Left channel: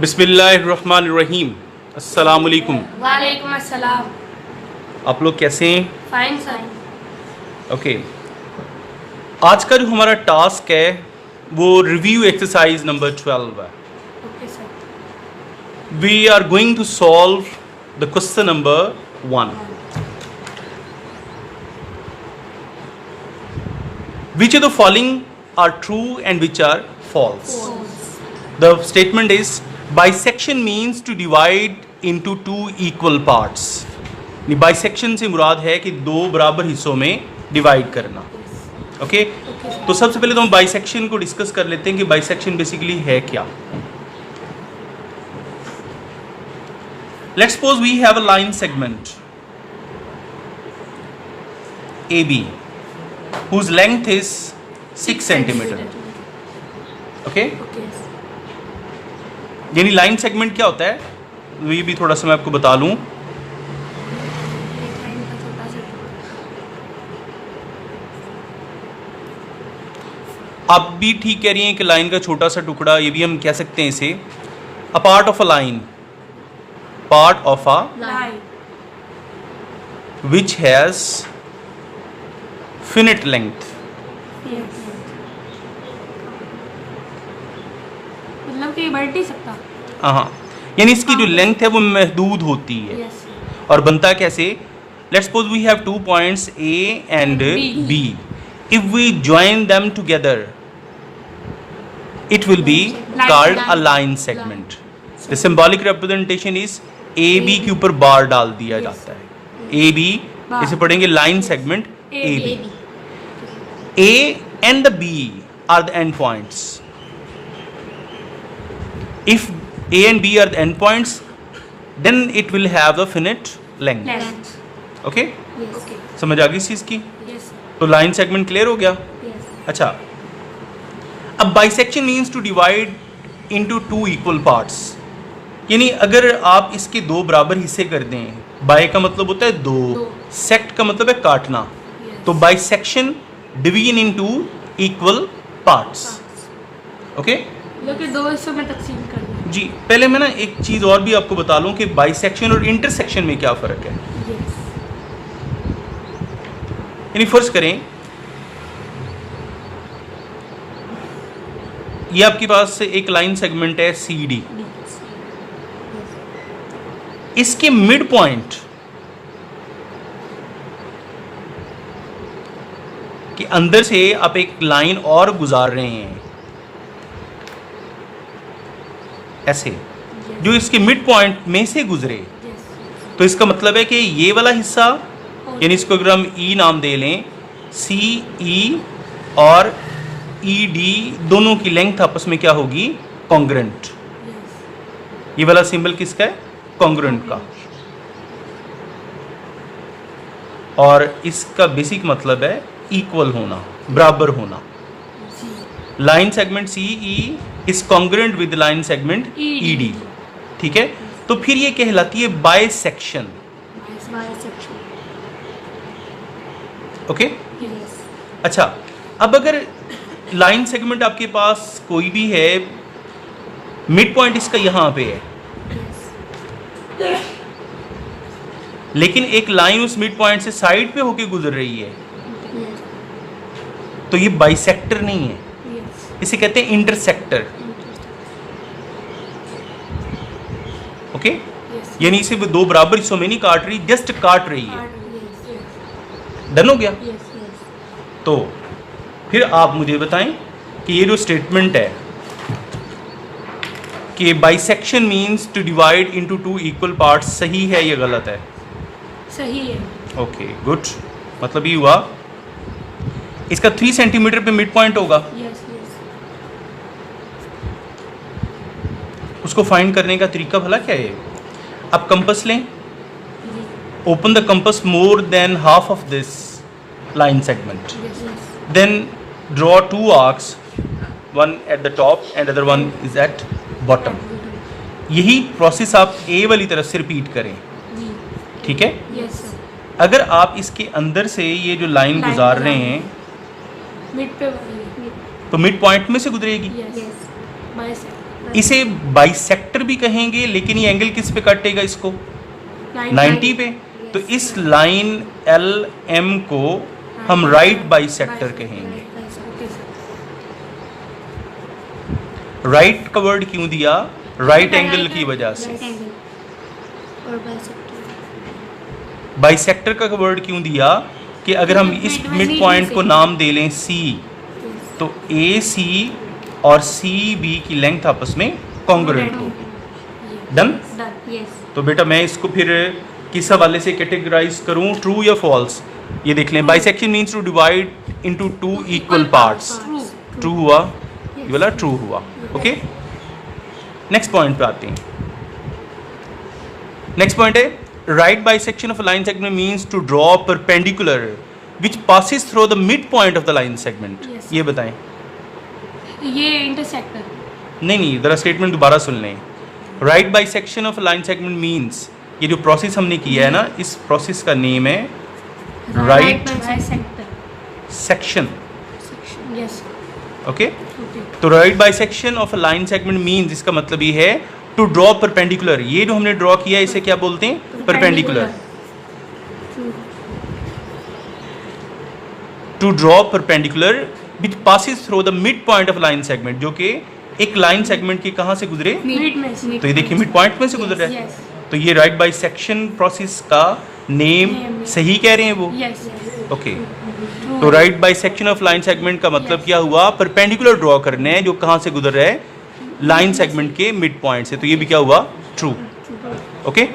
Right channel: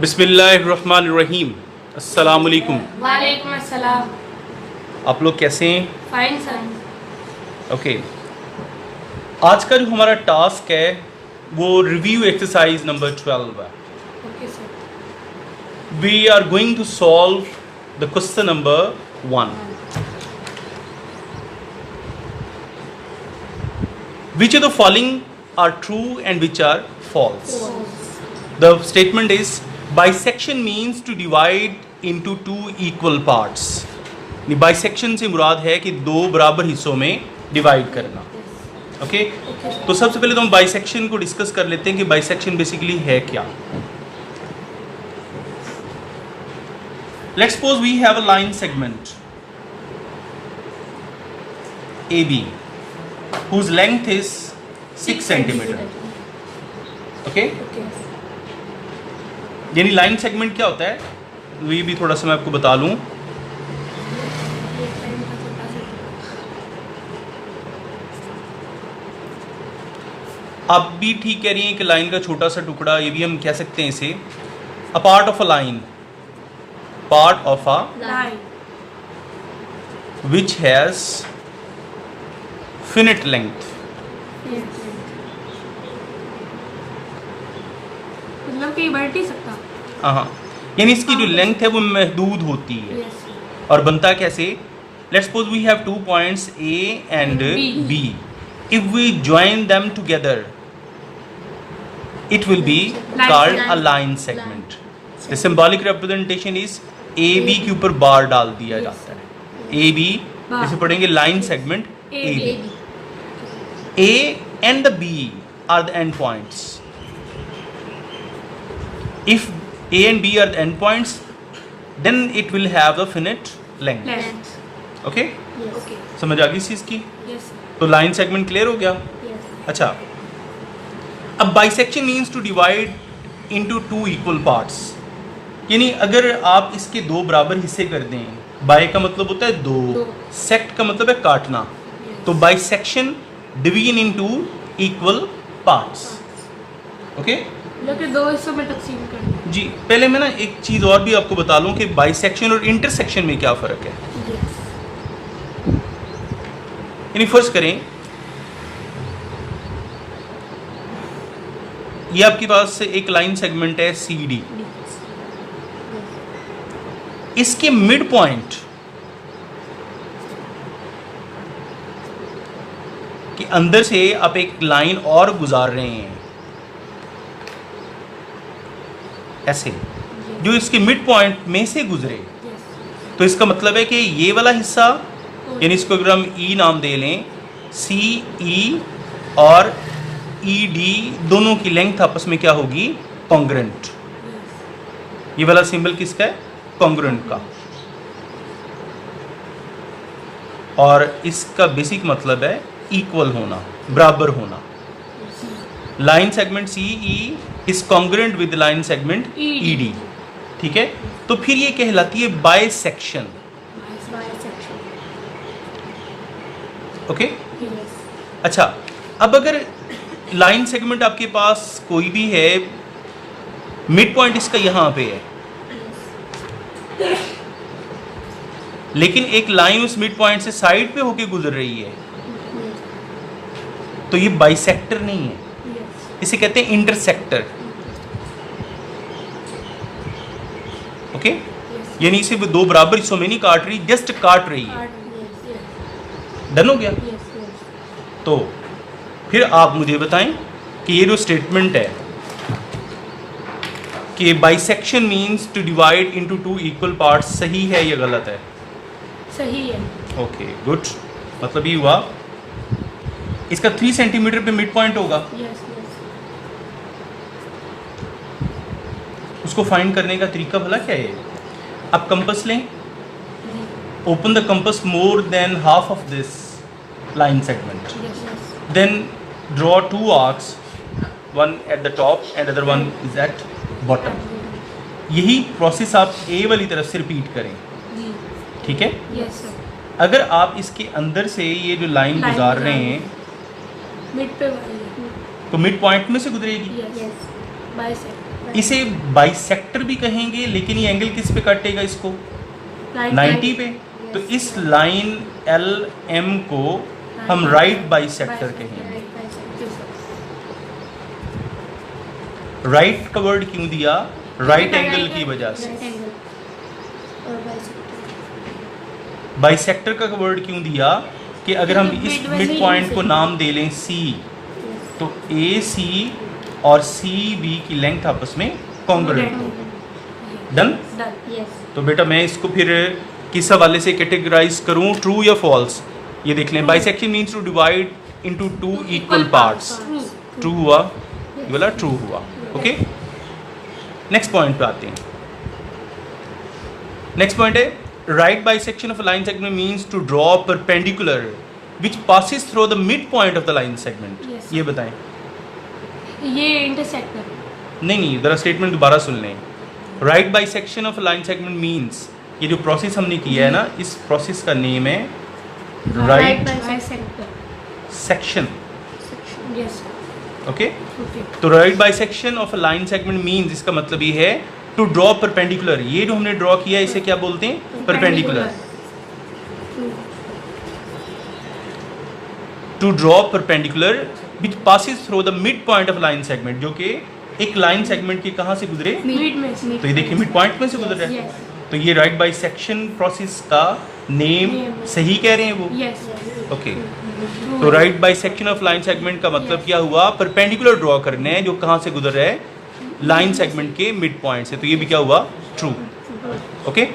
बिस्मिल्लाहिर्रहमानिर्रहीम। अस्सलाम वालेकुम। वालेकुम अस्सलाम। आप लोग कैसे हैं? Fine sir. ओके, आज का जो हमारा टास्क है वो रिव्यू एक्सरसाइज नंबर 12 है। Okay sir. We are going to solve the question number 1। Which of the following are true and which are false? The statement is bisection means to divide into two equal parts. Bisection से मुराद है कि दो बराबर हिस्सों में divide करना। Okay, तो सबसे पहले तो हम बाइसेक्शन को डिस्कस कर लेते हैं कि बाइसेक्शन बेसिकली है क्या। Let's suppose we have a line segment AB whose length is 6 centimeter. Okay, यानी लाइन सेगमेंट क्या होता है ये भी थोड़ा सा मैं आपको बता लूं। आप भी ठीक कह रही हैं कि लाइन का छोटा सा टुकड़ा, ये भी हम कह सकते हैं इसे a part of a line, part of a which has finite length. मतलब कि बढ़ नहीं सकता। हाँ, यानी इसकी जो लेंथ है वो महदूद होती है। और बनता कैसे? Let's suppose we have 2 points A and B. If we join them together, it will be called a line segment. The symbolic representation is AB के ऊपर बार डाल दिया जाता है। AB इसे पढ़ेंगे line segment AB. A and the B are the end points. If A and B are the end points, then it will have the finite length. Okay? समझ आ गई इस चीज़ की? तो लाइन सेगमेंट क्लियर हो गया? अच्छा, अब bisection means to divide into 2 equal parts, यानी अगर आप इसके दो बराबर हिस्से कर दें, बाय का मतलब होता है दो, सेक्ट का मतलब है काटना, तो bisection division into equal parts. Okay, दो हिस्सों में तकसीम करना। जी, पहले मैं ना एक चीज़ और भी आपको बता लूं कि बाइसेक्शन और इंटरसेक्शन में क्या फ़र्क है। यानी फर्ज करें ये आपके पास एक लाइन सेगमेंट है CD, इसके मिड पॉइंट के अंदर से आप एक लाइन और गुजार रहे हैं ऐसे, जो इसके मिड पॉइंट में से गुजरे, तो इसका मतलब है कि ये वाला हिस्सा, यानी इसको अगर हम E नाम दे लें, CE और ED दोनों की लेंथ आपस में क्या होगी? कॉन्ग्रुएंट। ये वाला सिंबल किसका है? कॉन्ग्रुएंट का। और इसका बेसिक मतलब है इक्वल होना, बराबर होना। Line segment CE is congruent with line segment ED। ठीक है, तो फिर ये कहलाती है बाइसेक्शन। ओके, अच्छा, अब अगर लाइन सेगमेंट आपके पास कोई भी है, मिड पॉइंट इसका यहां पे है, लेकिन एक लाइन उस मिड पॉइंट से साइड पे होके गुजर रही है, तो ये बाइसेक्टर नहीं है, इसे कहते हैं इंटरसेक्टर। ओके, यानी इसे दो बराबर हिस्सों में नहीं काट रही, जस्ट काट रही है। डन हो गया? तो फिर आप मुझे बताएं कि ये जो स्टेटमेंट है कि bisection means to divide into 2 equal parts, सही है या गलत है? सही है। Okay, good. मतलब ये हुआ इसका 3 सेंटीमीटर पे मिड पॉइंट होगा। उसको फाइंड करने का तरीका भला क्या है? आप कंपास लें, open the compass more than half of this line segment, then draw 2 arcs, one at the top and other one is at bottom. यही प्रोसेस आप A वाली तरफ से रिपीट करें। ठीक है? अगर आप इसके अंदर से ये जो लाइन गुजार रहे हैं, मिड पे तो मिड पॉइंट में से गुजरेगी। इसे बाइसेक्टर भी कहेंगे, लेकिन ये एंगल किस पे काटेगा इसको? 90 पे। तो इस लाइन एल एम को हम राइट बाइसेक्टर कहेंगे। राइट का वर्ड क्यों दिया? राइट एंगल की वजह से। बाइसेक्टर का वर्ड क्यों दिया? कि अगर हम इस मिड पॉइंट को नाम दे लें सी, तो ए सी और सी बी की लेंथ आपस में कॉन्ग्रुएंट हो। डन? तो बेटा मैं इसको फिर किस हवाले से कैटेगराइज करूं, ट्रू या फॉल्स? ये देख लें, bisection means to divide into two equal parts. True हुआ, ये वाला ट्रू हुआ। ओके, नेक्स्ट पॉइंट पे आते हैं। नेक्स्ट पॉइंट है right bisection of a line segment means to draw perpendicular which passes through the mid point of the line segment. Yes. ये बताएं। ये इंटरसेक्टर। नहीं, जरा स्टेटमेंट दोबारा सुन लें। Right bisection of line segment means, ये जो प्रोसेस हमने किया है ना, इस प्रोसेस का नेम है right bisector section. Yes. Okay, तो right bisection of line segment means, इसका मतलब ये है टू ड्रॉ परपेंडिकुलर। ये जो हमने ड्रॉ किया है इसे क्या बोलते हैं? Perpendicular. To draw perpendicular which passes through the mid point of line segment, जो कि एक लाइन सेगमेंट के कहाँ से गुजरे? मिड में से। तो ये देखिए मिड पॉइंट में से गुजर रहा है। Yes. तो ये राइट बाइसेक्शन प्रोसेस का नेम सही कह रहे हैं वो? यस। ओके, तो right bisection of line segment का मतलब क्या हुआ? परपेंडिकुलर ड्रॉ करने हैं जो कहाँ से गुजर रहा है? लाइन सेगमेंट के मिड पॉइंट से। तो ये भी क्या हुआ? ट्रू। ओके,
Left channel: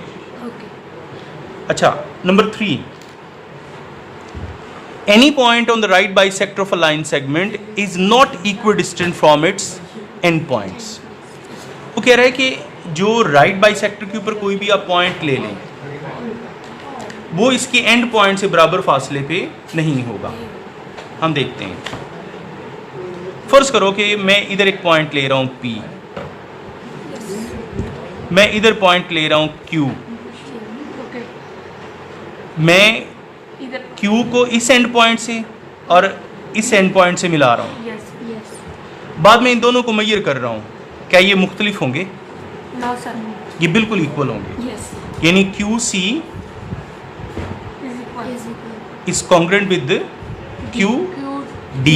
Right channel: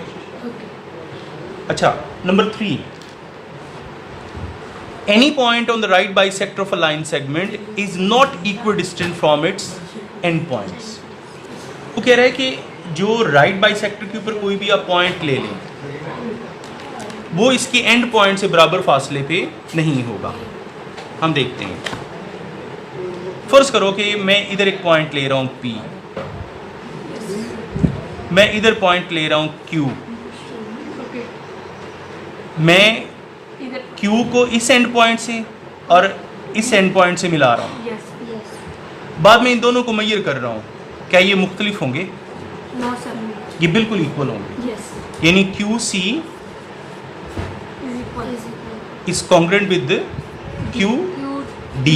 अच्छा number 3, any point on the right bisector of a line segment is not equidistant from its end points। वो कह रहा है कि जो राइट बाइसेक्टर के ऊपर कोई भी आप पॉइंट ले लें, वो इसके एंड पॉइंट से बराबर फासले पे नहीं होगा। हम देखते हैं। फर्ज करो कि मैं इधर एक पॉइंट ले रहा हूँ P, मैं इधर पॉइंट ले रहा हूँ Q, मैं इधर। Q को इस एंड पॉइंट से और इस एंड पॉइंट से मिला रहा हूँ। यस। बाद में इन दोनों को मेजर कर रहा हूँ, क्या ये मुख्तलिफ होंगे? No sir. ये बिल्कुल इक्वल होंगे। यस। यानी QC is congruent with QD।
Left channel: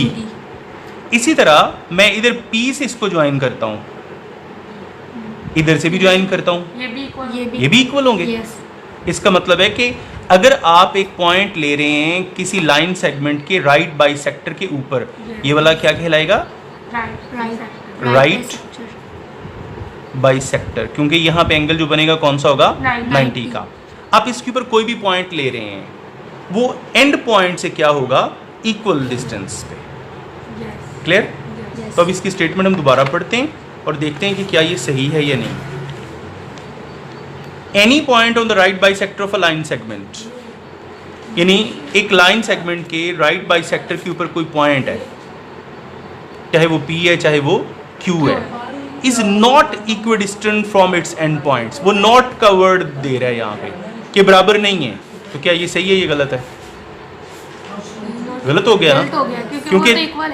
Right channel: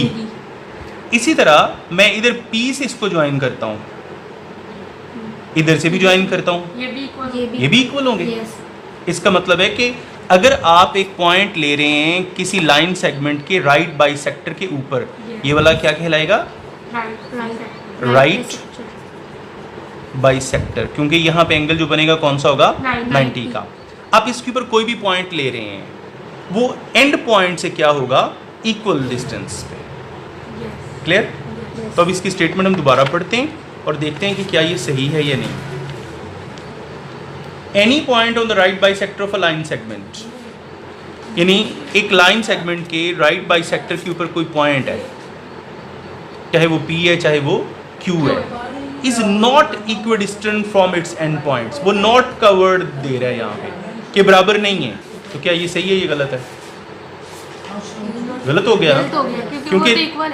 इसी तरह मैं इधर P से इसको ज्वाइन करता हूँ, इधर से भी ज्वाइन करता हूँ, ये भी इक्वल। ये भी इक्वल होंगे। यस। इसका मतलब है कि अगर आप एक पॉइंट ले रहे हैं किसी लाइन सेगमेंट के राइट बाइसेक्टर के ऊपर, ये वाला क्या कहलाएगा? राइट बाइसेक्टर, क्योंकि यहाँ पे एंगल जो बनेगा कौन सा होगा? 90 का। आप इसके ऊपर कोई भी पॉइंट ले रहे हैं, वो एंड पॉइंट से क्या होगा? इक्वल डिस्टेंस पे। क्लियर? तो अब इसकी स्टेटमेंट हम दोबारा पढ़ते हैं और देखते हैं कि क्या ये सही है या नहीं। Any point on the right bisector of a line segment, यानी एक लाइन सेगमेंट के राइट बाइसेक्टर के ऊपर कोई पॉइंट है, चाहे वो P है चाहे वो Q है, is not equidistant from its and points. वो नॉट का वर्ड दे रहा है यहाँ पे कि बराबर नहीं है। तो क्या ये सही है, ये गलत है? गलत हो गया ना, क्योंकि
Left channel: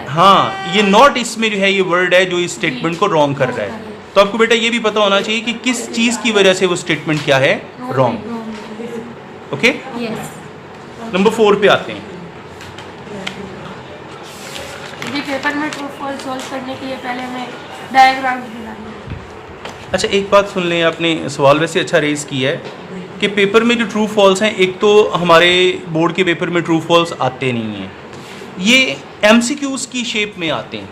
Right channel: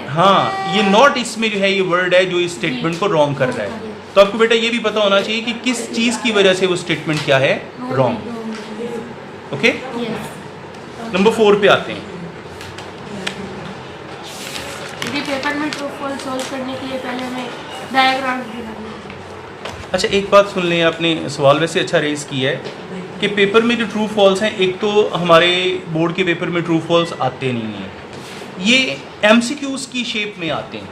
हाँ ये नॉट इसमें जो है ये वर्ड है जो इस स्टेटमेंट को रॉन्ग कर रहा है। तो आपको बेटा ये भी पता होना चाहिए कि किस चीज़ की वजह से वो स्टेटमेंट क्या है? रॉन्ग। ओके, नंबर 4 पे आते हैं। पेपर में ट्रू फॉल्स सॉल्व करने के लिए पहले हमें डायग्राम बनाना। अच्छा एक बात सुन लें, आपने सवाल वैसे अच्छा रेज किया है कि पेपर में जो ट्रू फॉल्स हैं, एक तो हमारे बोर्ड के पेपर में ट्रू फॉल्स आते नहीं हैं, ये MCQs की शेप में आते हैं,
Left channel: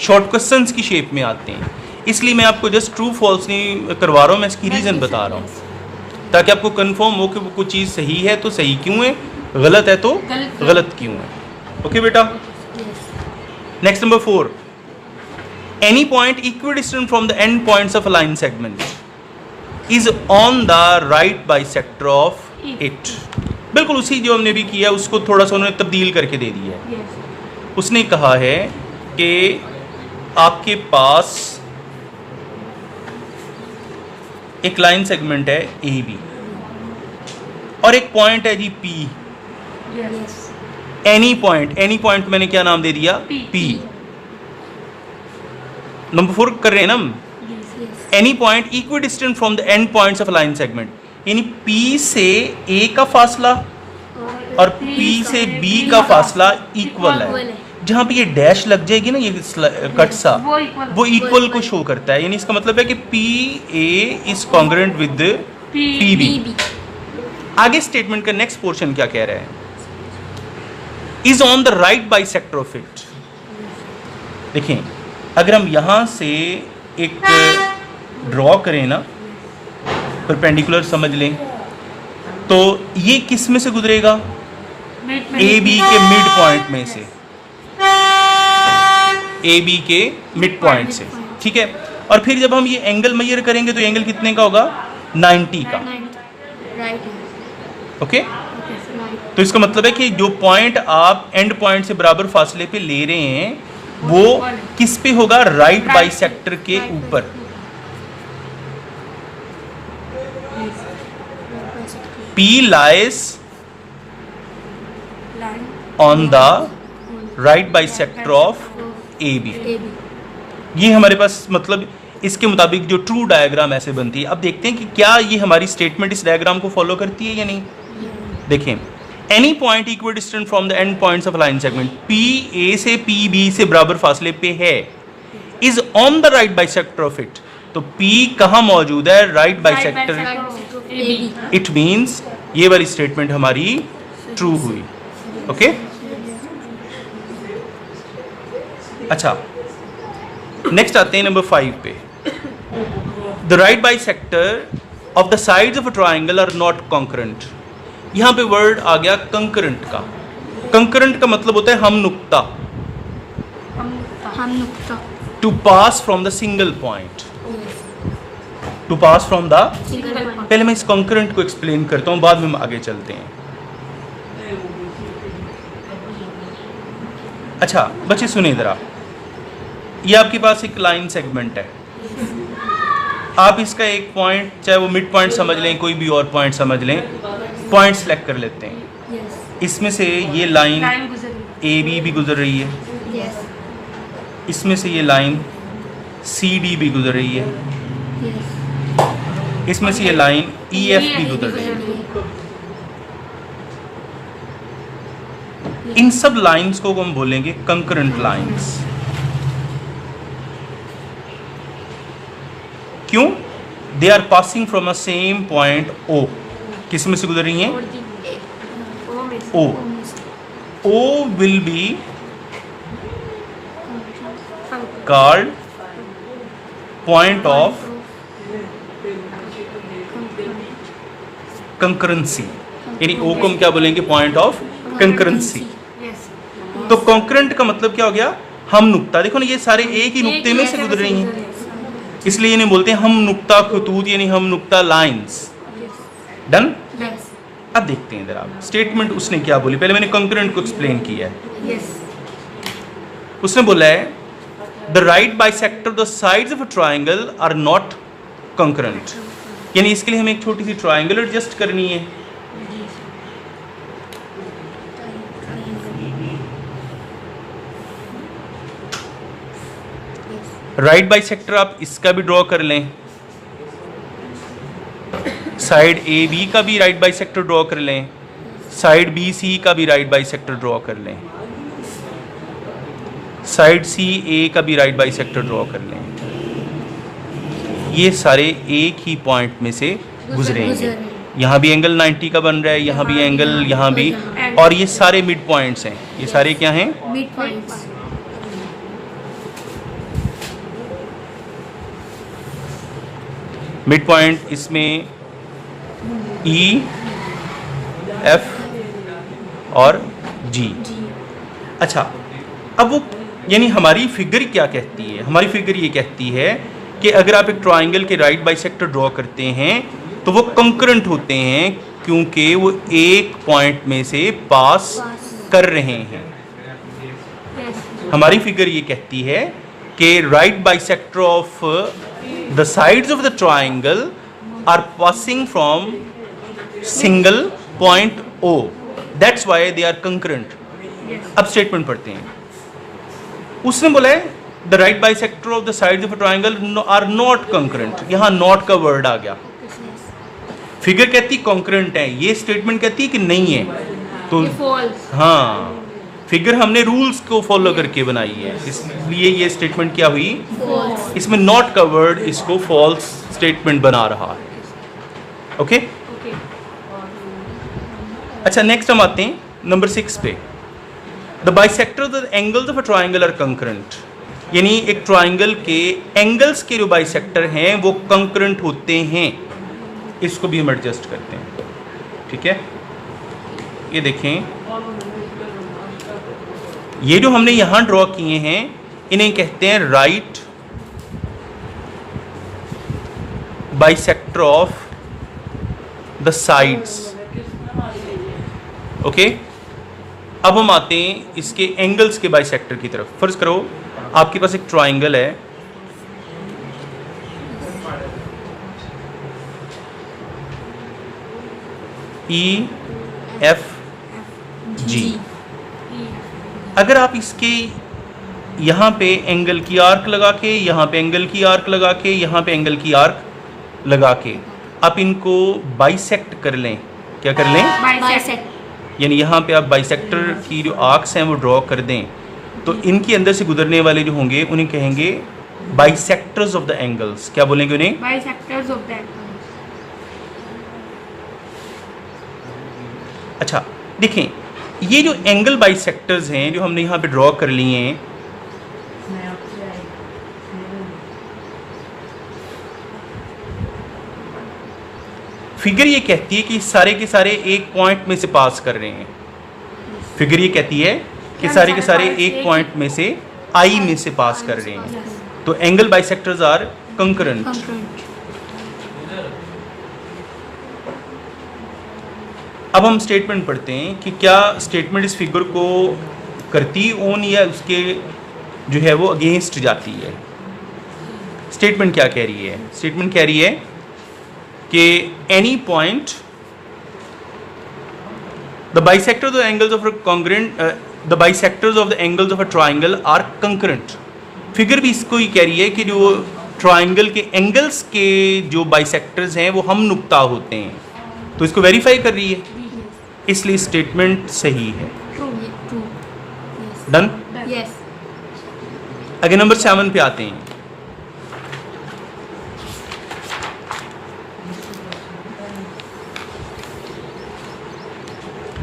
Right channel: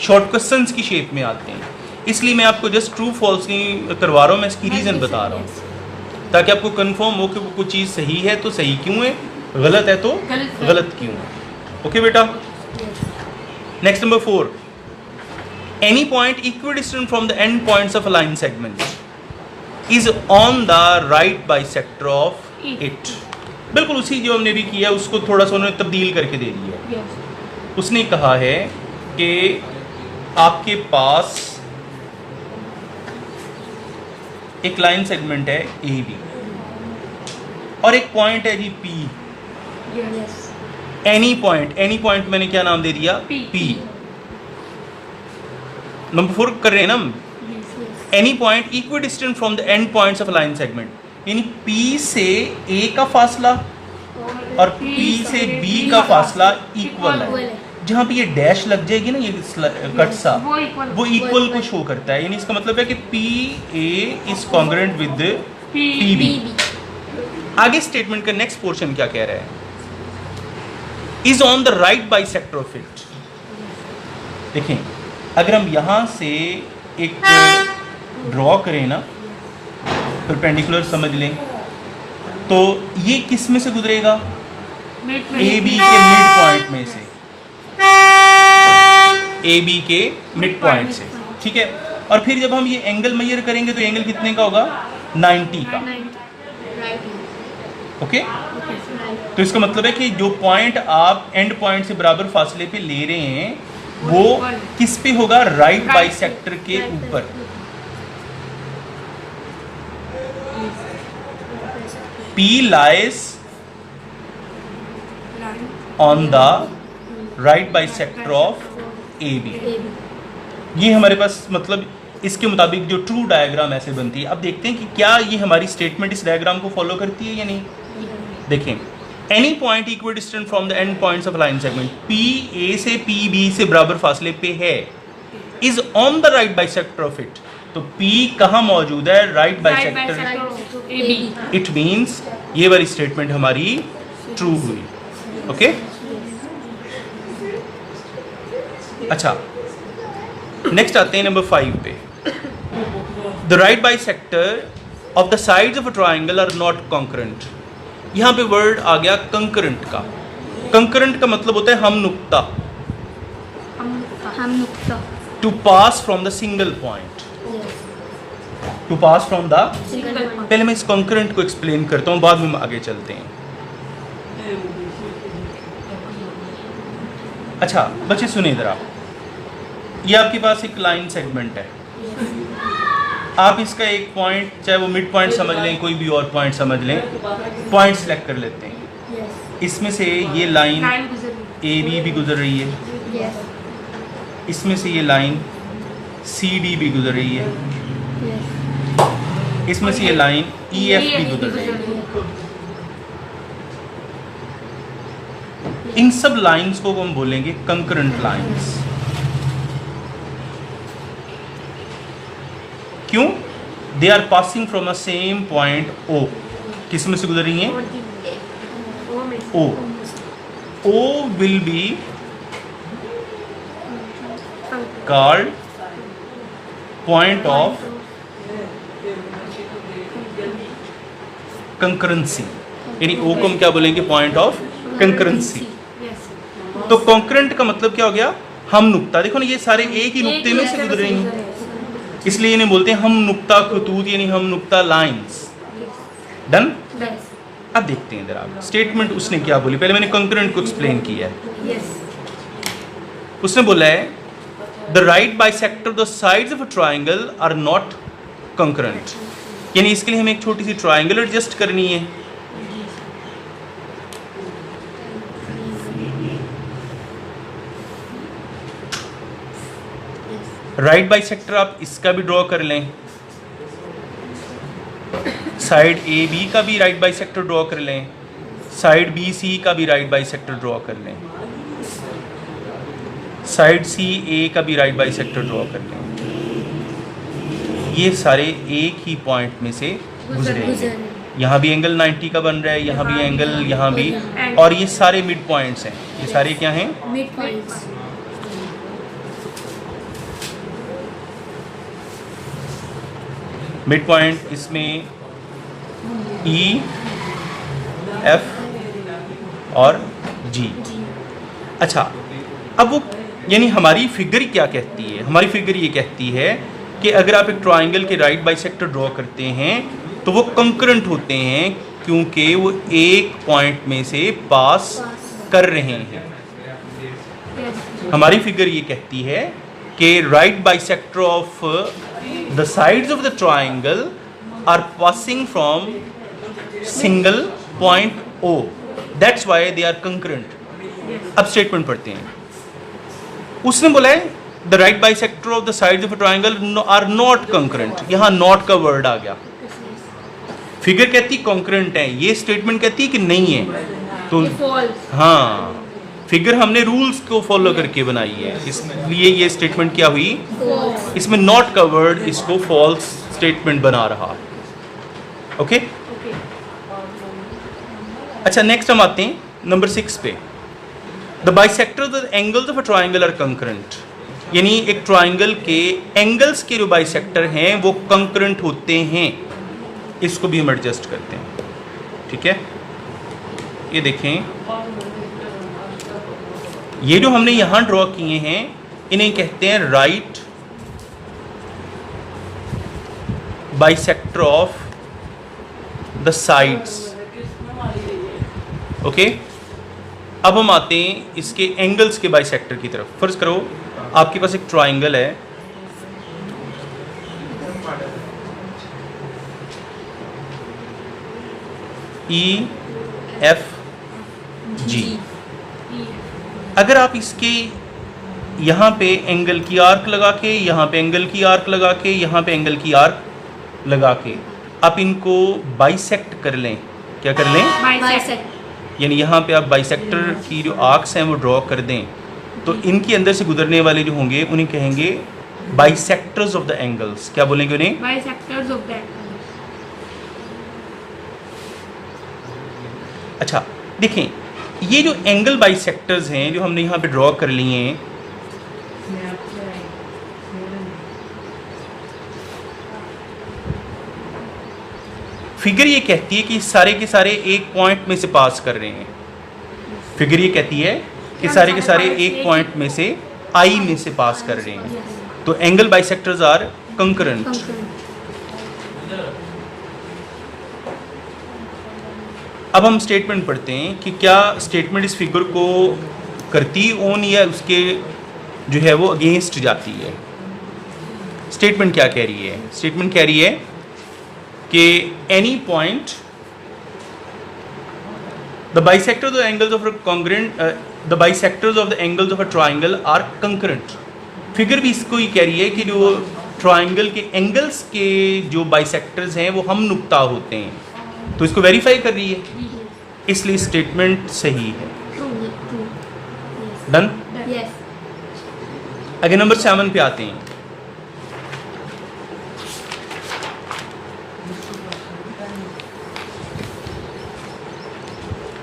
शॉर्ट क्वेश्चंस की शेप में आते हैं। इसलिए मैं आपको जस्ट ट्रू फॉल्स नहीं करवा रहा हूँ, मैं इसकी रीज़न बता रहा हूँ ताकि आपको कंफर्म हो कि वो कोई चीज़ सही है तो सही क्यों है, गलत है तो गलत क्यों है। ओके बेटा, next number 4, any point equidistant from the end points of a line segment is on the right bisector of it. बिल्कुल उसी जो हमने भी किया उसको थोड़ा सा उन्होंने तब्दील करके दे दिया है। उसने कहा है कि आपके पास एक लाइन सेगमेंट है AB और एक पॉइंट है जी P। एनी पॉइंट मैंने क्या नाम दे दिया? P। नंबर 4 कर रहे हैं ना हम, any point equi distant from the end points of line segment, यानी P से A का फासला और P से B का फासला इक्वल है। जहाँ पे ये डैश लग जाएगी ना, ये कट सा, वो इक्वल को शो करता है, यानी इसका मतलब है कि PA is congruent with PB। आगे स्टेटमेंट का नेक्स्ट पोर्शन क्या कह रहा है, is on the right bisector of it. देखें, अगर हम यहां से एक ड्रॉ करें ना, परपेंडिकुलर समझ लें, तो ये किस में से गुजरेगा, AB के मिड पॉइंट में से, AB के मिड पॉइंट से, ठीक है। और फिर जब हम ये एंगल मेजर करेंगे तो एंगल कितने का होगा, 90 का, ओके। तो इसका मतलब है कि जो पॉइंट आप एंड पॉइंट से बराबर फासले पे ले रहे हैं वो किस पे होगा, राइट बाइसेक्टर के ऊपर। P lies on the right bisector of AB। ये हमारे पास मतलब इसके मुताबिक जो ट्रू डायग्राम ऐसे बनती है। अब देखते हैं कि क्या ये हमारी स्टेटमेंट इस डायग्राम को फॉलो करती है या नहीं। देखें, any point equal distant from the end points of line segment, P A से P B से बराबर फासले पे है, is on the right bisector of it. तो P कहाँ मौजूद है, राइट बाइसेक्टर। इट मीन्स ये वाली स्टेटमेंट हमारी ट्रू हुई, ओके। अच्छा, नेक्स्ट आते हैं नंबर 5 पे। The right bisector of the sides of a triangle are not concurrent. यहां पे वर्ड आ गया कंकरेंट का। कंकरेंट का मतलब होता है हम नुक्ता, to pass from the single point, to pass from the. पहले मैं इस कंकरेंट को एक्सप्लेन करता हूं, बाद में हम आगे चलते हैं। अच्छा बच्चे सुनिए जरा, ये आपके पास एक लाइन सेगमेंट है, आप इसका एक पॉइंट, चाहे वो मिड पॉइंट समझ लें, कोई भी और पॉइंट समझ लें, पॉइंट सेलेक्ट कर लेते हैं। इसमें से ये लाइन AB भी गुजर रही है, इसमें से ये लाइन CD भी गुजर रही है, इसमें से ये लाइन EF भी गुजर रही है। इन सब लाइंस को हम बोलेंगे कंकरेंट लाइंस। क्यों, they are passing from a same point O। किस में से गुजर रही हैं, O। O will be called point of concurrency, यानी O को हम क्या बोलेंगे, पॉइंट ऑफ कंकरेंसी। तो कंकरेंट का मतलब क्या हो गया, हम नुक्ता। देखो ना, ये सारे एक ही नुक्ते में से गुजर रही हैं, इसलिए इन्हें बोलते हैं हम नुक्ता खतूत, यानी हम नुक्ता लाइंस। डन। अब देखते हैं जरा स्टेटमेंट उसने क्या बोली। पहले मैंने कंकरेंट को एक्सप्लेन किया है। उसने बोला है the right bisector the sides of a triangle are not concurrent, यानी इसके लिए हमें एक छोटी सी ट्राइंगल एडजस्ट करनी है। राइट बाइसेक्टर आप इसका भी ड्रॉ कर लें, साइड AB का भी राइट बाइसेक्टर ड्रॉ कर लें, साइड BC का भी राइट बाइसेक्टर ड्रॉ कर लें, साइड CA का भी राइट बाइसेक्टर ड्रॉ कर लें। ये सारे एक ही पॉइंट में से गुजरेंगे। यहाँ भी एंगल 90 का बन रहा है, यहाँ भी एंगल, यहाँ भी, और ये सारे मिड पॉइंट्स हैं। ये सारे क्या हैं, मिड पॉइंट्स। मिड पॉइंट इसमें E, F और G। अच्छा, अब वो यानी हमारी फिगर क्या कहती है, हमारी फिगर ये कहती है कि अगर आप एक ट्राइंगल के राइट बाइसेक्टर ड्रॉ करते हैं तो वो कंकरेंट होते हैं, क्योंकि वो एक पॉइंट में से पास कर रहे हैं। हमारी फिगर ये कहती है कि right bisector of the sides of the triangle are passing from single point O, that's why they are concurrent. अब स्टेटमेंट पढ़ते हैं। उसने बोला है the right bisector of the sides of a triangle are not concurrent, यहाँ not का word आ गया। फिगर कहती कॉन्करेंट है, ये स्टेटमेंट कहती है कि नहीं है। तो फॉल्स। हाँ, फिगर हमने रूल्स को फॉलो करके बनाई है, इसलिए ये स्टेटमेंट क्या हुई, इसमें नॉट का वर्ड इसको फॉल्स स्टेटमेंट बना रहा है। ओके अच्छा, नेक्स्ट हम आते हैं नंबर 6 पे। The bisector of the angles of a triangle are concurrent, यानी एक ट्राइंगल के एंगल्स के जो बाइसेक्टर हैं वो कंकरेंट होते हैं। इसको भी हम एडजस्ट करते हैं, ठीक है। ये देखें, ये जो हमने यहां ड्रॉ किए हैं इन्हें कहते हैं right bisector of the sides. Okay, अब हम आते हैं इसके एंगल्स के बाइसेक्टर की तरफ। फर्ज करो आपके पास एक ट्राइंगल है, EFG। अगर आप इसके यहाँ पे एंगल की आर्क लगा के, यहाँ पे एंगल की आर्क लगा के, यहाँ पे एंगल की आर्क लगा के आप इनको बाइसेक्ट कर लें, क्या कर लें, बाइसेक्ट। यानी यहाँ पे आप बाइसेक्टर की जो आर्क्स हैं वो ड्रॉ कर दें, तो इनके अंदर से गुजरने वाले जो होंगे उन्हें कहेंगे बाइसेक्टर्स ऑफ द एंगल्स। क्या बोलेंगे उन्हें, बाइसेक्टर्स ऑफ द एंगल्स। अच्छा देखें, ये जो एंगल बाइसेक्टर्स हैं जो हमने यहाँ पे ड्रॉ कर लिए हैं, फिगर ये कहती है कि सारे के सारे एक पॉइंट में से पास कर रहे हैं। फिगर ये कहती है कि सारे के सारे एक पॉइंट में से आई में से पास कर रहे हैं, तो एंगल बाइसेक्टर्स आर कंकरेंट। अब हम स्टेटमेंट पढ़ते हैं कि क्या स्टेटमेंट इस फिगर को करती ऑन या उसके जो है वो अगेंस्ट जाती है। स्टेटमेंट क्या कह रही है, स्टेटमेंट कह रही है कि any point the bisectors of angles of congruent the bisectors of the angles of a triangle are concurrent. Figure भी इसको ही कह रही है कि जो ट्राइंगल के एंगल्स के जो बाइसेक्टर्स हैं वो हम नुक्ता होते हैं, तो इसको वेरीफाई कर रही है, इसलिए स्टेटमेंट सही है। डन। आगे नंबर 7 पे आते हैं।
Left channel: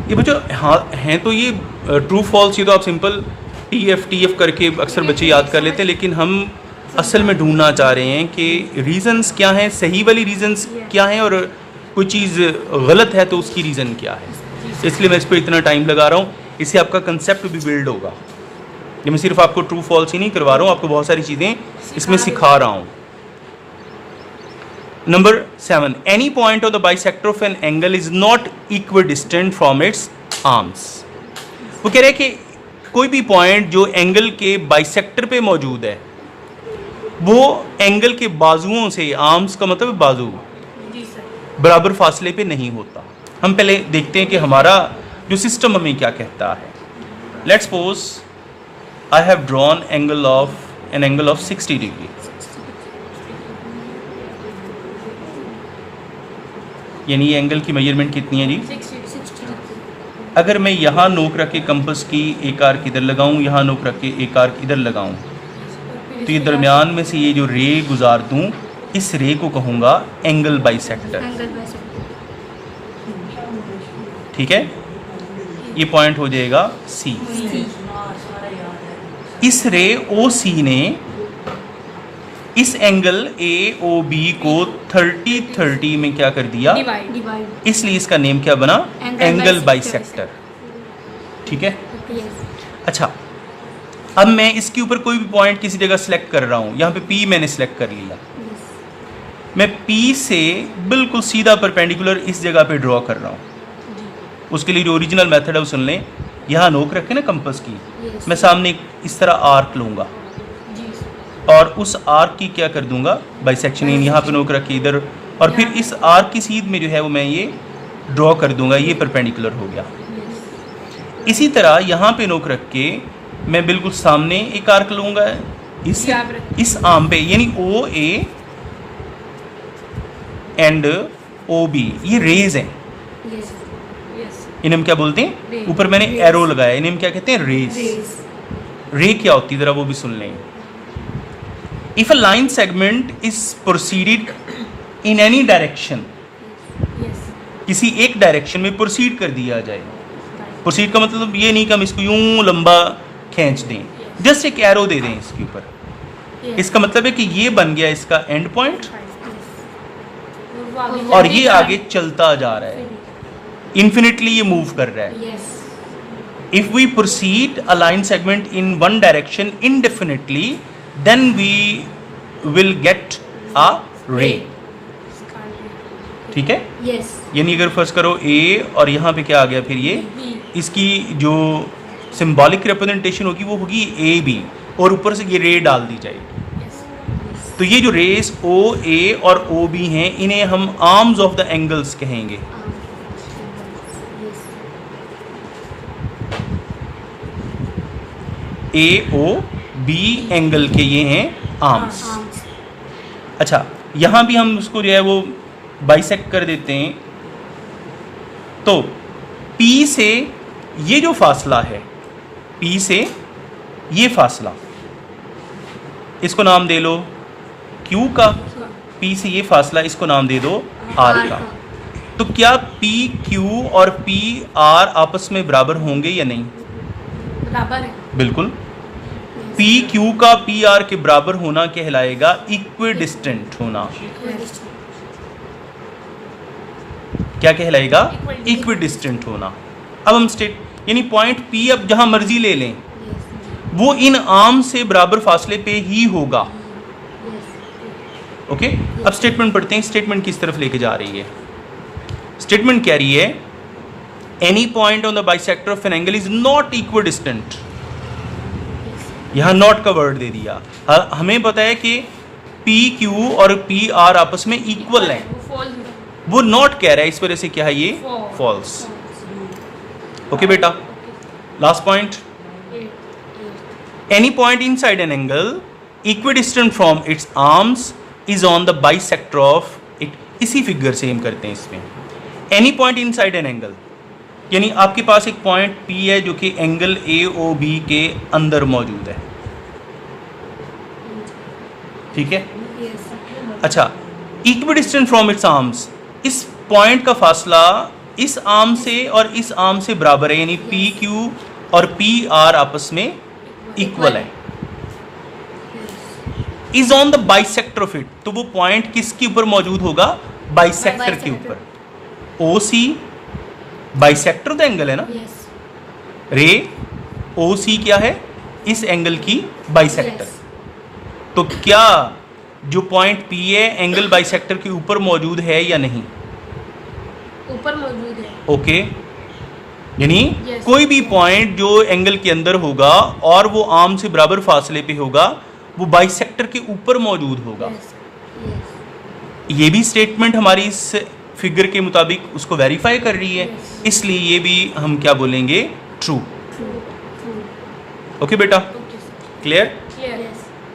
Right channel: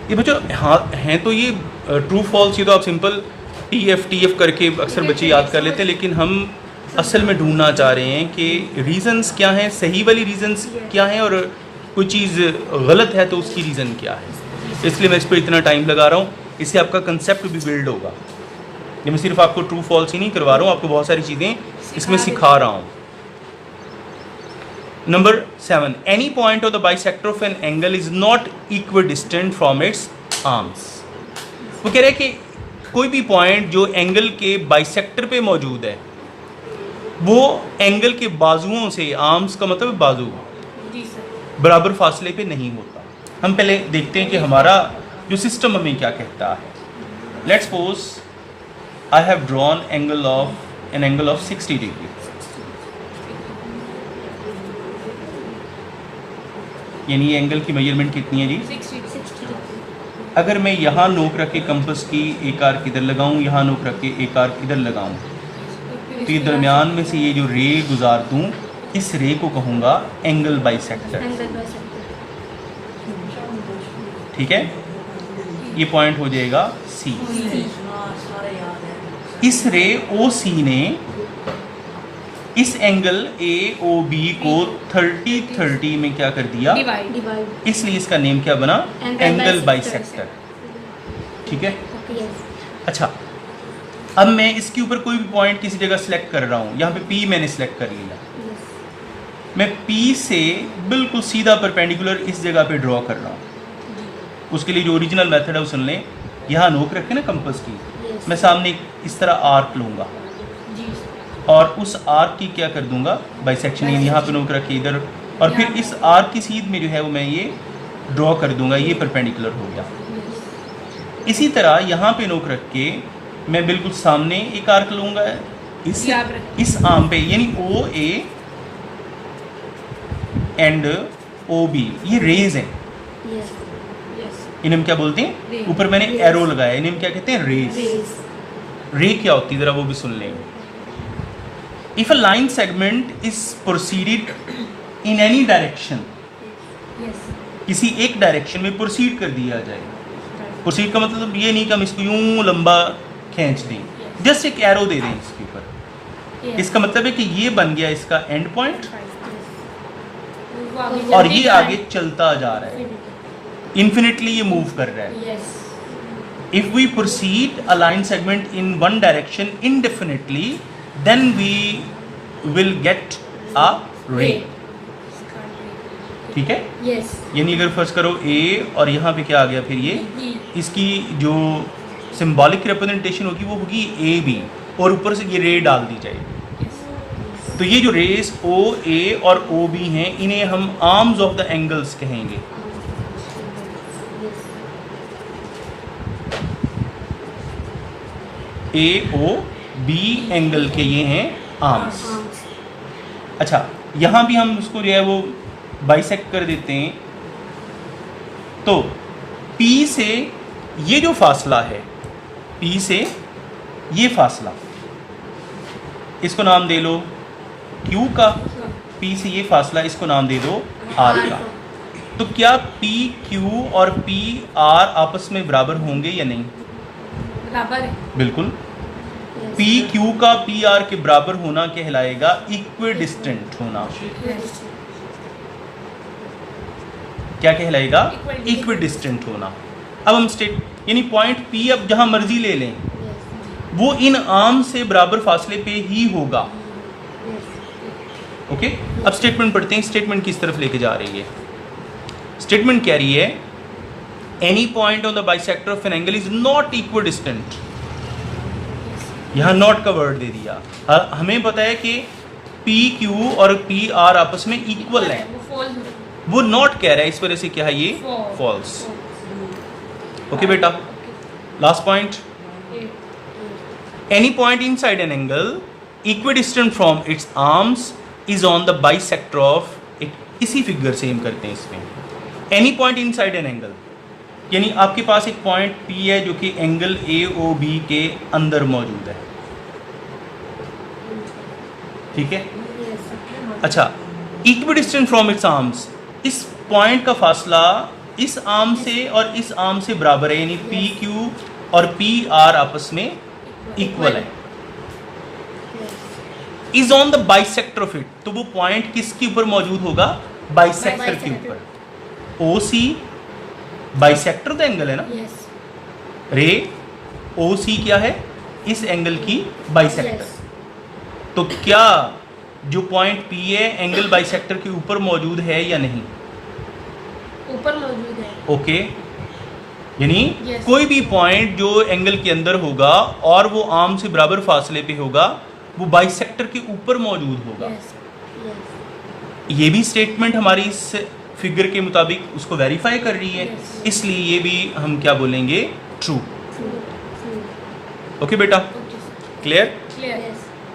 ये बच्चों हाँ हैं तो ये ट्रू फॉल्स, ये तो आप सिंपल TF करके अक्सर बच्चे याद कर लेते हैं, लेकिन हम असल में ढूंढना चाह रहे हैं कि रीजंस क्या हैं, सही वाली रीजंस क्या हैं, और कोई चीज़ गलत है तो उसकी रीज़न क्या है। इसलिए मैं इस पर इतना टाइम लगा रहा हूँ, इससे आपका कंसेप्ट भी बिल्ड होगा। ये मैं सिर्फ आपको ट्रू फॉल्स ही नहीं करवा रहा हूँ, आपको बहुत सारी चीज़ें इसमें सिखा रहा हूँ। Number 7, any point of the bisector of an angle is not equal distant from its arms. वो कह रहे हैं कि कोई भी पॉइंट जो एंगल के बाइसेक्टर पे मौजूद है वो एंगल के बाजुओं से, आर्म्स का मतलब बाजू, बराबर फासले पे नहीं होता। हम पहले देखते हैं कि हमारा जो सिस्टम हमें क्या कहता है। Let's suppose I have drawn angle of 60 degree, यानी ये एंगल की मेजरमेंट कितनी है जी, 60। अगर मैं यहाँ नोक रख के कंपस की एक आर्क इधर लगाऊं, यहाँ नोक रख के एक आर्क इधर लगाऊं, तो ये दरमियान में से ये जो रे गुजार दूं, इस रे को कहूँगा एंगल बाइसेक्टर। ठीक है, ये पॉइंट हो जाएगा C। इस रे OC ने इस एंगल AOB को 30-30 में क्या कर दिया, डिवाइड। इसलिए इसका नेम क्या बना, एंगल बाइसेक्टर। ठीक है, अच्छा अब मैं इसके ऊपर कोई भी पॉइंट किसी जगह सेलेक्ट कर रहा हूँ, यहाँ पे P मैंने सेलेक्ट कर लिया, मैं P से बिल्कुल सीधा परपेंडिकुलर इस जगह पे ड्रॉ कर रहा हूँ। उसके लिए जो ओरिजिनल मेथड है वो सुन लें, यहाँ नोक रखे ना कंपास की, मैं सामने इस तरह आर्क लूँगा और उस आर्क की क्या कर दूंगा, बाइसेक्शन, यहाँ पे नोक रखे इधर, और फिर इस आर्क की सीध में जो है वो मैं ये ड्रॉ कर दूंगा, ये परपेंडिकुलर हो गया। इसी तरह यहाँ पे नोक रख के मैं बिल्कुल सामने एक आर्क लूँगा, इस आर्म पे, यानी ओ ए एंड ओ बी ये रेज हैं। इन्हें हम क्या बोलते हैं? ऊपर मैंने एरो लगाया, इन्हें हम क्या कहते हैं? रेज। रे क्या होती है जरा वो भी सुन लें। If a line segment is proceeded in any direction, किसी एक डायरेक्शन में प्रोसीड कर दिया जाए। प्रोसीड का मतलब ये नहीं कि हम इसको यूं लंबा खींच दें, जस्ट एक एरो दे दें इसके ऊपर। इसका मतलब है कि ये बन गया इसका एंड पॉइंट और ये आगे चलता जा रहा है, इन्फिनिटली ये मूव कर रहा है। If we proceed a line segment in one direction indefinitely, then we will get a ray. ठीक है? यानी अगर फर्स्ट करो A और यहाँ पे क्या आ गया फिर ये, इसकी जो सिंबॉलिक रिप्रेजेंटेशन होगी वो होगी ए बी और ऊपर से ये रे डाल दी जाएगी। तो ये जो रेस ओ ए और ओ बी हैं इन्हें हम आर्म्स ऑफ द एंगल्स कहेंगे। ए ओ बी एंगल के ये हैं आर्म्स। अच्छा, यहाँ भी हम उसको जो है वो बाइसेक्ट कर देते हैं। तो P से ये जो फासला है, P से ये फासला, इसको नाम दे लो Q का। P से ये फासला, इसको नाम दे दो R का। तो क्या P Q और P R आपस में बराबर होंगे या नहीं? बराबर है। बिल्कुल। पी क्यू का पी आर के बराबर होना कहलाएगा इक्विडिस्टेंट होना। क्या कहलाएगा? इक्विडिस्टेंट होना। अब हम स्टेट, यानी पॉइंट पी अब जहां मर्जी ले लें वो इन आर्म से बराबर फासले पे ही होगा। ओके, अब स्टेटमेंट पढ़ते हैं। स्टेटमेंट किस तरफ लेके जा रही है? स्टेटमेंट कह रही है any point on the bisector of an angle is not equidistant. यहाँ नॉट का वर्ड दे दिया। हमें पता है कि पी क्यू और पी आर आपस में इक्वल है, वो नॉट कह रहा है, इस वजह से क्या है ये फॉल्स। ओके बेटा, last point, any point inside an angle equidistant from its arms is on the bisector of it. इसी फिगर से हम करते हैं इसमें। Any point inside an angle, यानी आपके पास एक पॉइंट P है जो कि एंगल AOB के अंदर मौजूद है। ठीक है? अच्छा, इक्विडिस्टेंट फ्रॉम इट्स आर्म्स, इस पॉइंट का फासला इस आर्म से और इस आर्म से बराबर है, यानी PQ और PR आपस में इक्वल है। Is on the bisector of it, तो वो पॉइंट किसके ऊपर मौजूद होगा? बाइसेक्टर के ऊपर। OC बाइसेक्टर द एंगल है ना। रे OC क्या है? इस एंगल की बाइसेक्टर। तो क्या जो पॉइंट P है एंगल बाइसेक्टर के ऊपर मौजूद है या नहीं? ऊपर मौजूद है। ओके, यानी कोई भी पॉइंट जो एंगल के अंदर होगा और वो आर्म से बराबर फासले पे होगा वो बाइसेक्टर के ऊपर मौजूद होगा। ये भी स्टेटमेंट हमारी इस फिगर के मुताबिक उसको वेरीफाई कर रही है, इसलिए ये भी हम क्या बोलेंगे? ट्रू। ओके बेटा, क्लियर?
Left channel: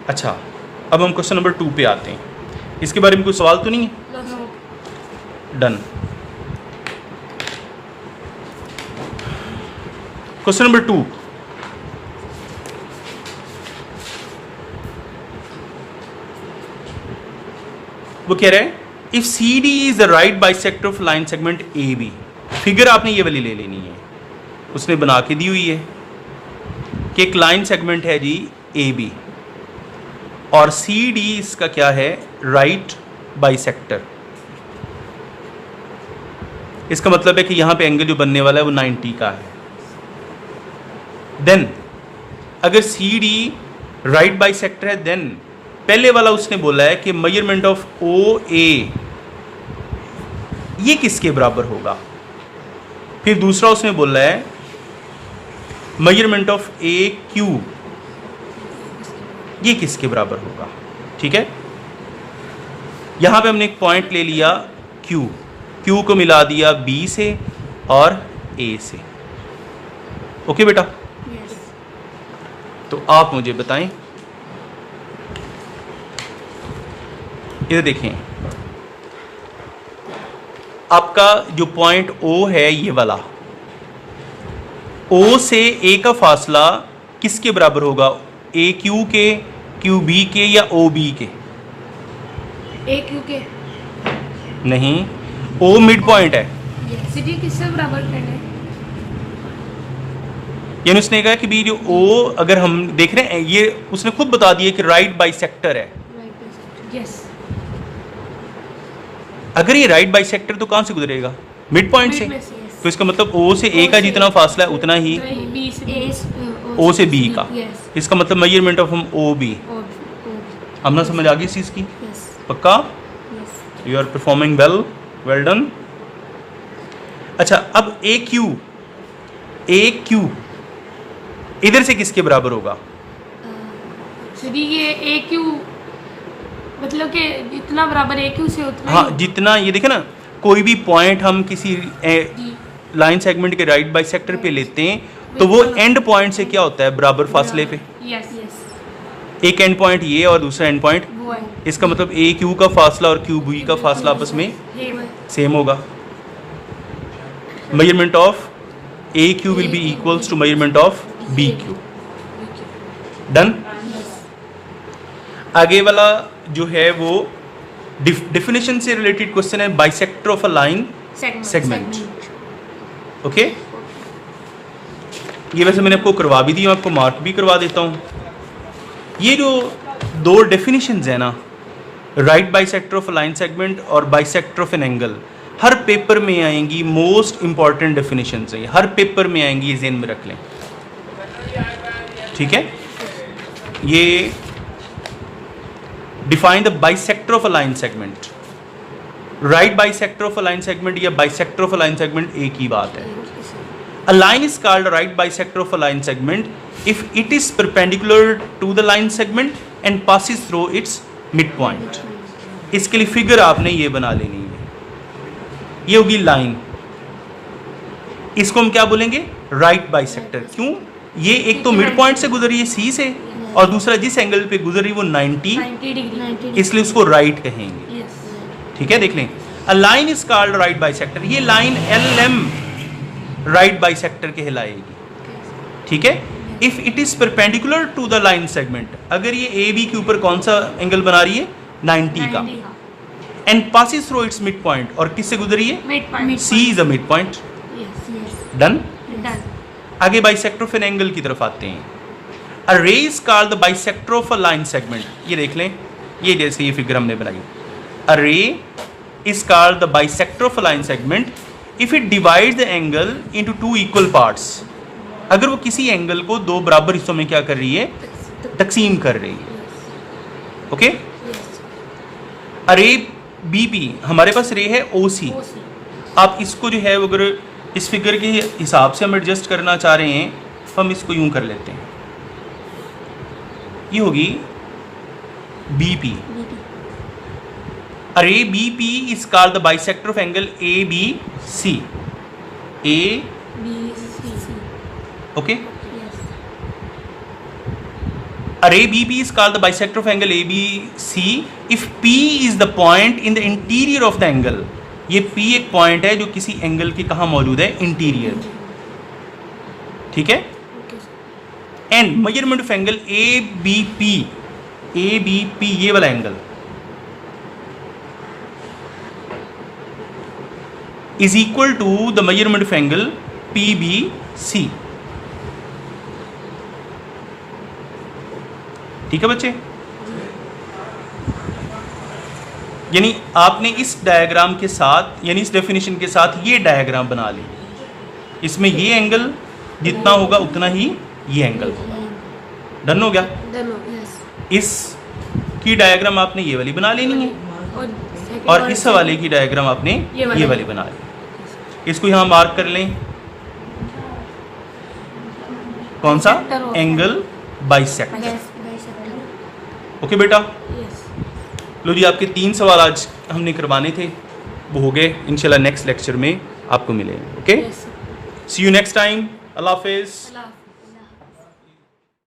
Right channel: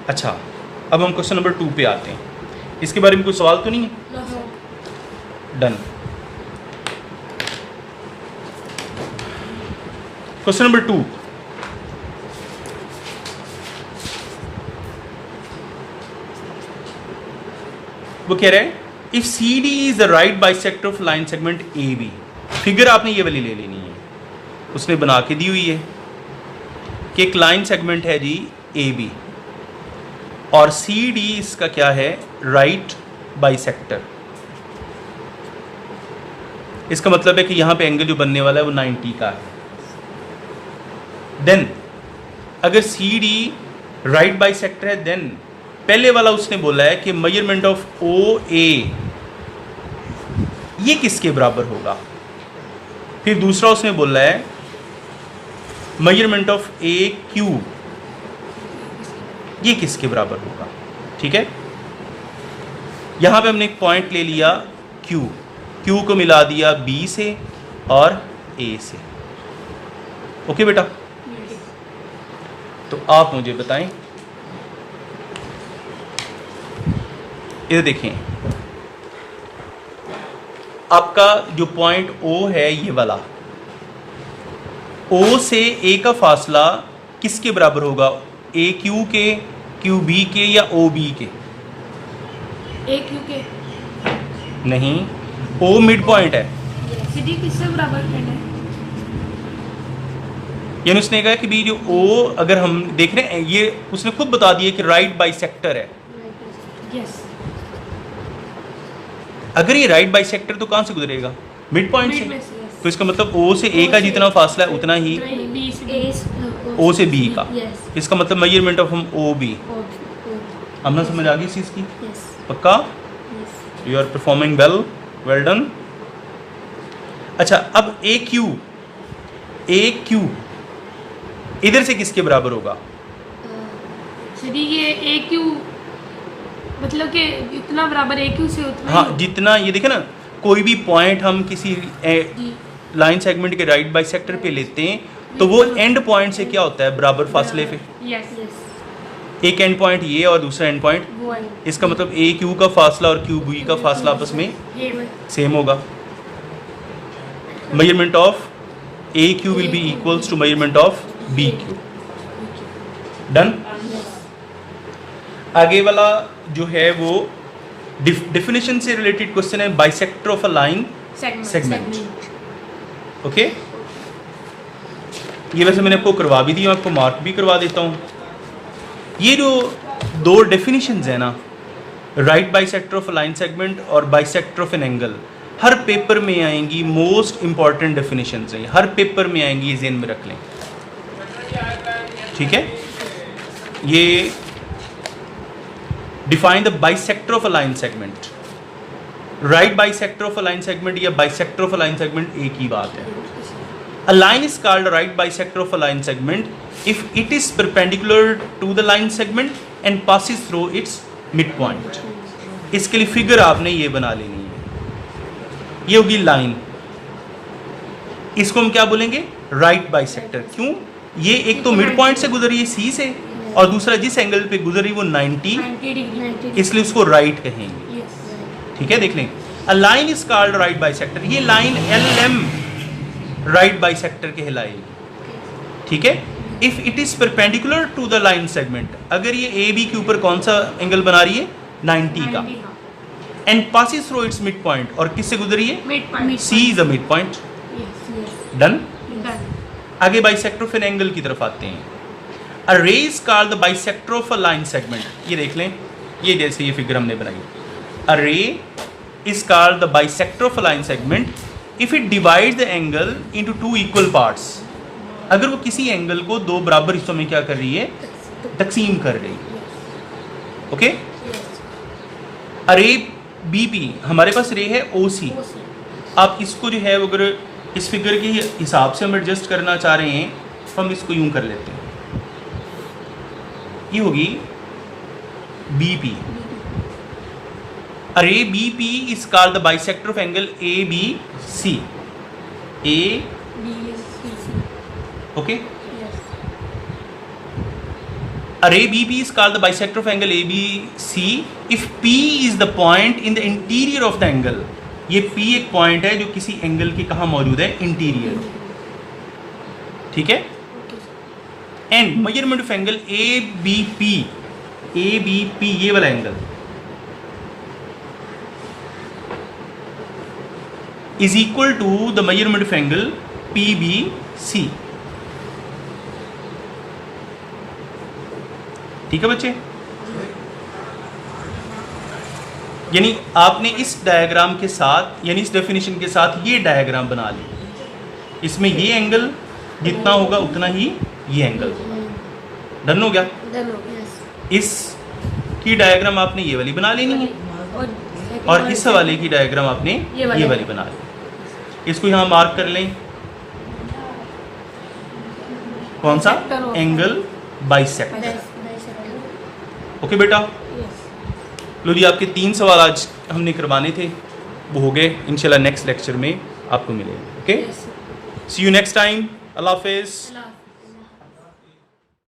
अच्छा, अब हम क्वेश्चन नंबर 2 पे आते हैं। इसके बारे में कोई सवाल तो नहीं है? डन। क्वेश्चन नंबर 2, वो कह रहा है if CD is the right bisector of line segment AB। Figure आपने ये वाली ले लेनी है, उसने बना के दी हुई है कि एक लाइन सेगमेंट है जी AB और CD इसका क्या है? Right bisector. इसका मतलब है कि यहां पे एंगल जो बनने वाला है वो 90 का है। देन अगर CD राइट बाइसेक्टर है, देन पहले वाला उसने बोला है कि मेजरमेंट ऑफ OA ये किसके बराबर होगा। फिर दूसरा उसने बोला है मेजरमेंट ऑफ AQ ये किसके बराबर होगा। ठीक है, यहां पे हमने एक पॉइंट ले लिया Q को मिला दिया B से और A से। ओके बेटा, तो आप मुझे बताएं इधर देखें, आपका जो पॉइंट O है ये वाला, O से A का फासला किसके बराबर होगा? AQ के, QB के या OB के? AQ के। नहीं, O मिड पॉइंट है। CD किससे बराबर है? यानी उसने कहा कि भी जो O अगर हम देख रहे हैं, ये उसने खुद बता दिया कि राइट बाइसेक्टर है। यस। अगर ये राइट बाइसेक्टर तो कहाँ से गुजरेगा? मिड पॉइंट से। yes. तो इसका मतलब O से A का जितना फासला है उतना ही O से B का। Yes. इसका मतलब मेजरमेंट ऑफ हम OB। अब ना समझ आ गई इस चीज़ की? Yes. पक्का? Yes. You are performing well, well done. अच्छा, अब AQ इधर से किसके बराबर होगा? CD ये AQ मतलब कि इतना बराबर AQ से उतना हाँ, जितना ये देखे ना, कोई भी पॉइंट हम किसी लाइन सेगमेंट के राइट बाइसेक्टर पे लेते हैं तो वो एंड पॉइंट से क्या होता है? बराबर फासले पे। Yes yes. एक एंड पॉइंट ये और दूसरा एंड पॉइंट, वो है। इसका मतलब AQ का फासला और QB का फासला आपस में सेम होगा। Measurement of AQ will be equals to measurement of BQ। Done. आगे वाला जो है वो डेफिनेशन से रिलेटेड क्वेश्चन है, bisector of a line segment. Okay, ये वैसे मैंने आपको करवा भी दी, आपको मार्क भी करवा देता हूँ। ये जो दो डेफिनेशंस है ना, right bisector of a line segment और बाइसेक्टर ऑफ एन एंगल, हर पेपर में आएंगी। मोस्ट इंपॉर्टेंट डेफिनेशंस है, हर पेपर में आएंगी, ज़हन में रख लें। ठीक है, ये define the bisector of a line segment. Right bisector of a line segment या bisector of a line segment एक ही बात है। A line is called right bisector of a line segment if it is perpendicular to the line segment and passes through its mid point. इसके लिए figure आपने ये बना लेनी है, ये होगी लाइन, इसको हम क्या बोलेंगे? Right bisector. क्यों? ये एक तो मिड पॉइंट से गुजर रही है C से, और दूसरा जिस एंगल पे गुजर रही है वो 90 डिग्री, इसलिए उसको राइट कहेंगे। ठीक है, देख लें। A line is called right bisector, ये लाइन LM राइट बाइसेक्टर कहलाएगी। ठीक है, if it is perpendicular to the line segment, अगर ये AB के ऊपर कौन सा एंगल बना रही है? 90 का, and passes through its mid point, और किससे गुजर रही है? C is a mid point. Done. आगे बाइसेक्टर ऑफ एन एंगल की तरफ आते हैं। अ रे is called the bisector of a line segment. ये देख लें, ये जैसे ये फिगर हमने बनाई। अ रे is called the bisector of a line segment if it divides the angle into two equal parts. अगर वो किसी एंगल को दो बराबर हिस्सों में क्या कर रही है? तकसीम कर रही है। ओके। अ रे BP, हमारे पास रे है OC। आप इसको जो है अगर इस फिगर के हिसाब से हम एडजस्ट करना चाह रहे हैं तो हम इसको यूं कर लेते हैं, ये होगी BP। अरे BP is called the bisector of angle ABC। Okay. अरे BP is called the bisector of angle ABC if P is the point in the interior of the angle। ये P एक पॉइंट है जो किसी angle के कहाँ मौजूद है? इंटीरियर। ठीक है। And measurement of angle ABP, ये वाला angle is equal to the measurement of angle PBC। ठीक है बच्चे, यानी आपने इस डायग्राम के साथ, यानी इस डेफिनेशन के साथ ये डायग्राम बना ली। इसमें ये एंगल जितना होगा उतना ही ये एंगल। डन हो गया? इस की डायग्राम आपने ये वाली बना लेनी है और इस वाले की डायग्राम आपने ये वाली बना ली। इसको यहाँ मार्क कर लें। कौन सा? Angle bisector. ओके बेटा, लो जी, आपके 3 सवाल आज हमने करवाने थे, वो हो गए। इंशाल्लाह नेक्स्ट लेक्चर में आपको मिलेंगे। Okay, see you next time. अल्लाह हाफिज़।